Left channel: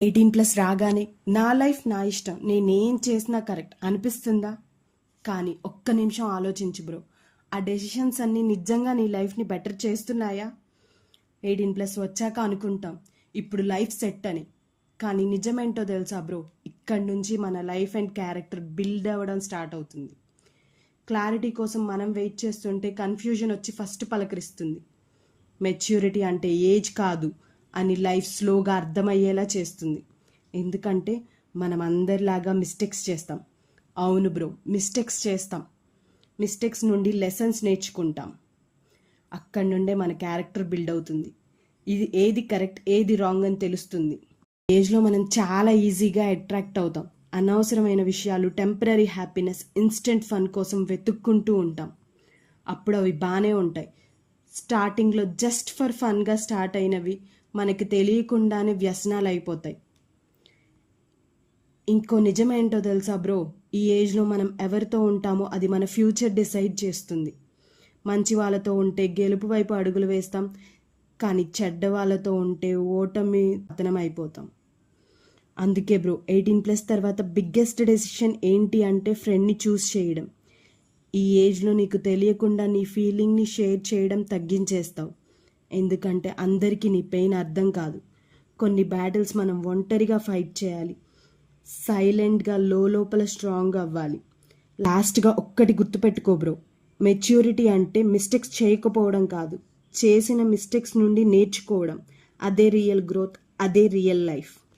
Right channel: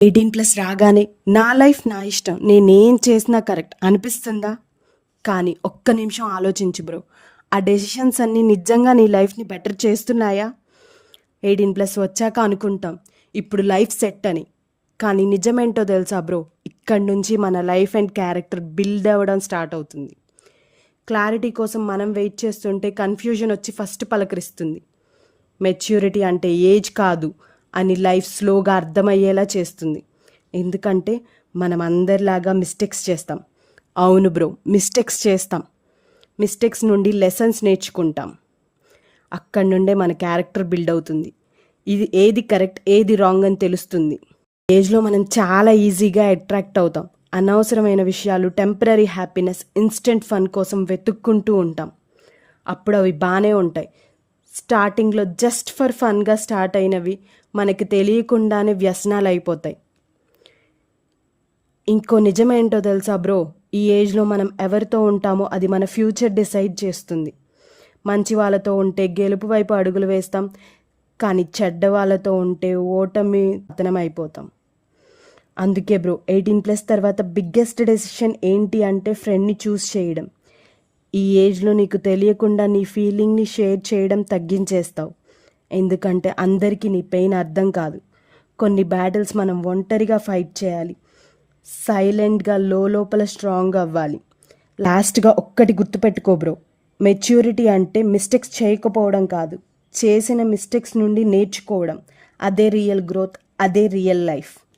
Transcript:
18+ రాగానే నా లైఫ్ నా ఇష్టం, నేనేం చేసినా కరెక్ట్ అనిపిస్తుందా? కానీ ఒక్క నిమిషం ఆలోచించు బ్రో, ఆ డెసిషన్స్ అన్నీ నిజంగా నీ లైఫ్ని బెటర్ చేస్తున్నాయా? 18+ వచ్చాక అనుకుంటాం ఇప్పుడు లైఫ్ సెట్ అని, కానీ నిజమేంటో తెలుసా బ్రో, ఇక్కడి నుంచి మన లైఫ్ అండ్ క్యారెక్టర్ బిల్డ్ అవ్వడం స్టార్ట్ అవుతుంది. క్లారిటీ కోసం మనం వెయిట్ చేస్తుంటే కన్ఫ్యూజన్ వచ్చి ఫస్ట్ పలకరిస్తుంది. మెచ్యూరిటీ అంటే ఏజ్ కాదు అని లైఫ్ స్లోగా అర్థమయ్యేలా చేస్తుంది. ఎందుకంటే మనం అందరిలాగా మిస్టేక్స్ చేస్తాం. అవును బ్రో, మిస్టేక్స్ చేస్తాం. మిస్టేక్స్ నుండి లెసన్స్ నేర్చుకుంటాం. అక్కడి నుండే మన క్యారెక్టర్ బిల్డ్ అవుతుంది. ఇది ఏది కరెక్ట్ ఏది రాంగ్ అని తెలుస్తుంది. ఏజ్లో మనం చాలా ఈజీగా అట్రాక్ట్ అవుతాం. అనవసరమైన విషయాలు, టెంపరీ హ్యాపీనెస్, ఇన్స్టెంట్ ఫన్ కోసం వెతుక్కుంటూ ఉంటాం. అప్పుడు అవి బాగానే ఉంటాయి. స్టార్టింగ్లో జస్ట్ ఫర్ ఫన్గా స్టార్ట్ అయినవి మనకి తెలియకుండానే వ్యసనాలు అయిపోతాయి. ఇంకో నిజమేంటో తెలుసా బ్రో, ఈ ఏజ్లో మనం ఎవరితో ఉంటామో అది మన ఫ్యూచర్ డిసైడ్ చేస్తుంది. మంచి వాళ్ళతో ఉంటే గెలుపు వైపు అడుగులు వేస్తాం, కానీ చెడ్డ వాళ్ళతో ఉంటే ఓటమి పతనం అయిపోతాం. అందుకే బ్రో, 18+ తర్వాత బిగ్గెస్ట్ డెసిషన్ ఏంటి అంటే ఫ్రెండ్ని చూస్ చేయడం. ఈ ఏజ్లో నీకు తెలియకుండా నీ ఫీలింగ్ని షేర్ చేయడం తగ్గించేస్తావు. ఎందుకంటే అందరికీ నీ పెయిన్ అర్థం కాదు. కొన్ని బ్యాటిల్స్ మనం ఒంటరిగా ఫైట్ చేయాలి. సైలెంట్గా లోపల స్ట్రాంగ్ అవ్వాలి. లాస్ట్గా ఒక్కటి గుర్తుపెట్టుకో బ్రో, మెచ్యూరిటీ అంటే మిస్టేక్స్ చేయకపోవడం కాదు, చేసిన మిస్టేక్స్ నుండి నేర్చుకోవడం. అదే రియల్ గ్రోత్, అదే రియల్ లైఫ్.